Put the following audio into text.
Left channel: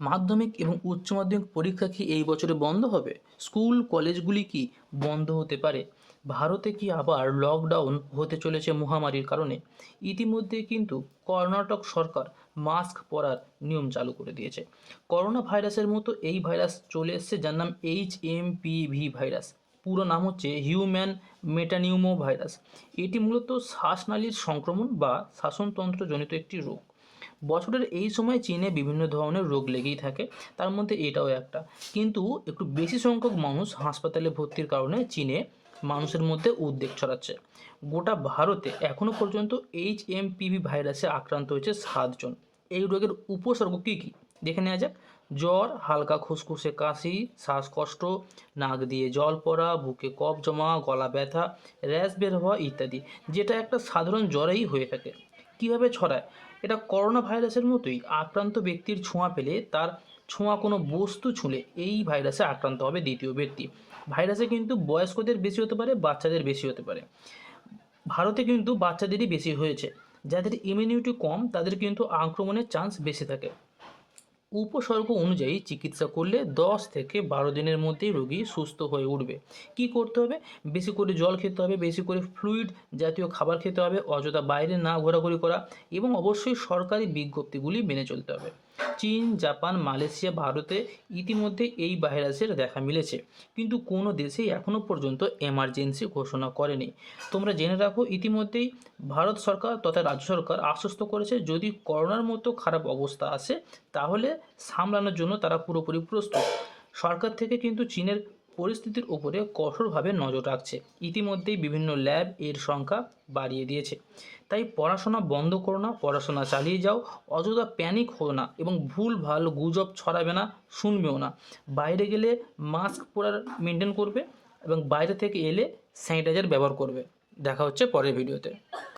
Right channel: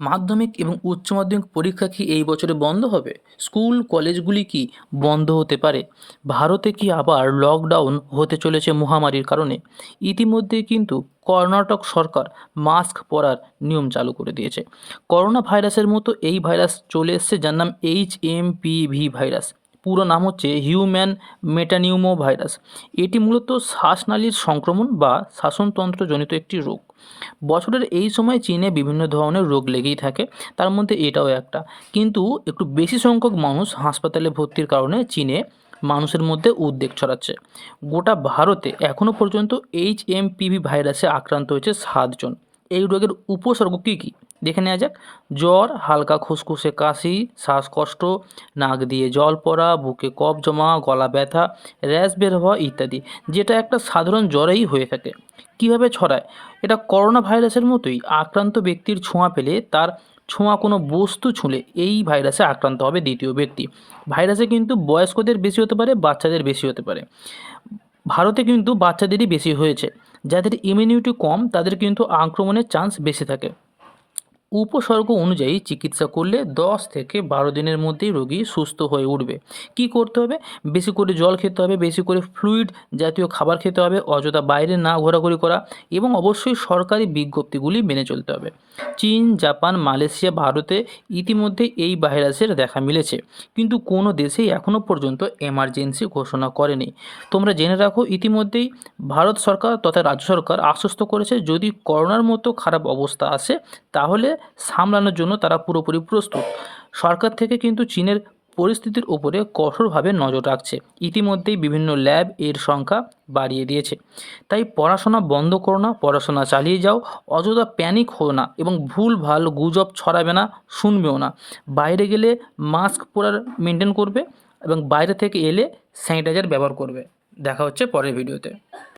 মাধ্যমিক এবং উচ্চ মাধ্যমিক পরীক্ষা কি এই বছরে বন্ধ হবে? স্কুল, কলেজগুলি কি বন্ধ হতে পারে? ভারতে কি আবার লকডাউন হতে চলেছে মহামারীর কারণে? ইতিমধ্যে কিন্তু কর্ণাটক সরকার মাস্ক পরার নিয়ম চালু করে দিয়েছে। করোনা ভাইরাসের মতো এই ভাইরাস চলে এসছে যার নাম H M P V virus. পুরো নাম হচ্ছে হিউম্যান মেটানিউমো ভাইরাস এটি মূলত শ্বাসনালীর সংক্রমণ বা শ্বাসনতন্ত্রজনিত একটি রোগ। বছরের এই সময় চীনে বিভিন্ন ধরনের রোগ লেগেই থাকে, তার মধ্যে এটাও একটা। কিন্তু একটু বেশি সংখ্যক মানুষ হাসপাতালে ভর্তির কারণে চীনে মানুষের মধ্যে উদ্বেগ ছড়াচ্ছে। গোটা ভারতে এখনও পর্যন্ত এইচ এম পিভি ভাইরাসে আক্রান্ত হয়েছে সাতজন। এই রোগের উপসর্গ কী কী? দেখে নেওয়া যাক। জ্বর, হালকা খুসখুসে কাশি, শ্বাসকষ্ট, নাক দিয়ে জল পড়া, বুকে কফ জমা, গলা ব্যথা, র্যাশ বের হওয়া ইত্যাদি, যেটা একটা সাধারণ জ্বরেই হয়ে থাকে। কীভাবে ছড়ায়? এটা করোনা ভাইরাসের মতোই আক্রান্ত ব্যক্তির ছোঁয়া পেলে তার ছোঁয়া কোনো বস্তু ছুঁলে এই ভাইরাসে আক্রান্ত হবে দ্বিতীয় ব্যক্তি। ভাইরাসে কিন্তু বয়স্কদের বেশি হতে পারে, বাচ্চাদের বেশি হতে পারে। ভারতে কিন্তু বাচ্চাদেরই বেশি হয়েছে। যাদের ইমিউনিটি কম, তাদের কিন্তু আক্রমণের চান্স বেশি থাকে। উপসর্গ অনুযায়ী চিকিৎসা করলে দশ থেকে বারো দিনের মধ্যেই রোগী সুস্থ হয়ে উঠবে। কি করতে হবে? বেশি করে জল খেতে হবে, বেশি করে ফ্লুইড জাতীয় খাবার খেতে হবে, অযথা বাইরে না ঘোরাঘুরি করা এবং অবশ্যই সরকারি বিজ্ঞপ্তিগুলি মেনে চলতে হবে। চীন, জাপান, মালয়েশিয়া, ভারতে ইতিমধ্যে এই ভাইরাসের দেখা মিলেছে। কিন্তু কোনো দেশেই এখনও পর্যন্ত এমার্জেন্সি ঘোষণা করেনি। তোমরা জেনে রাখো, ইতিমধ্যেই ভারত সরকার তথা রাজ্য সরকার আশ্বস্ত করেছে, যদি করোনার মতো খারাপ অবস্থা আসে, তাহলে সামলানোর জন্য তারা পুরোপুরি প্রস্তুত। সরকার থেকে কিন্তু চীনের পরিস্থিতির উপরে কঠোরভাবে নজর রাখছে। ইতিমধ্যেই বিভিন্ন ল্যাব এর সংখ্যা বাড়িয়ে দিয়েছে। তাই পড়াশোনা বন্ধ করো না, পড়াশোনা চালিয়ে যাও, অযথা প্যানিক হো না এবং ভুল ভালো গুজব ছড়াবে না, শুনবেও না। বাইরে গেলে মাস্ক পরার মেনটেন করবে এবং বাইরে থেকে এলে স্যানিটাইজার ব্যবহার করবে। দেখা হচ্ছে পরের ভিডিওতে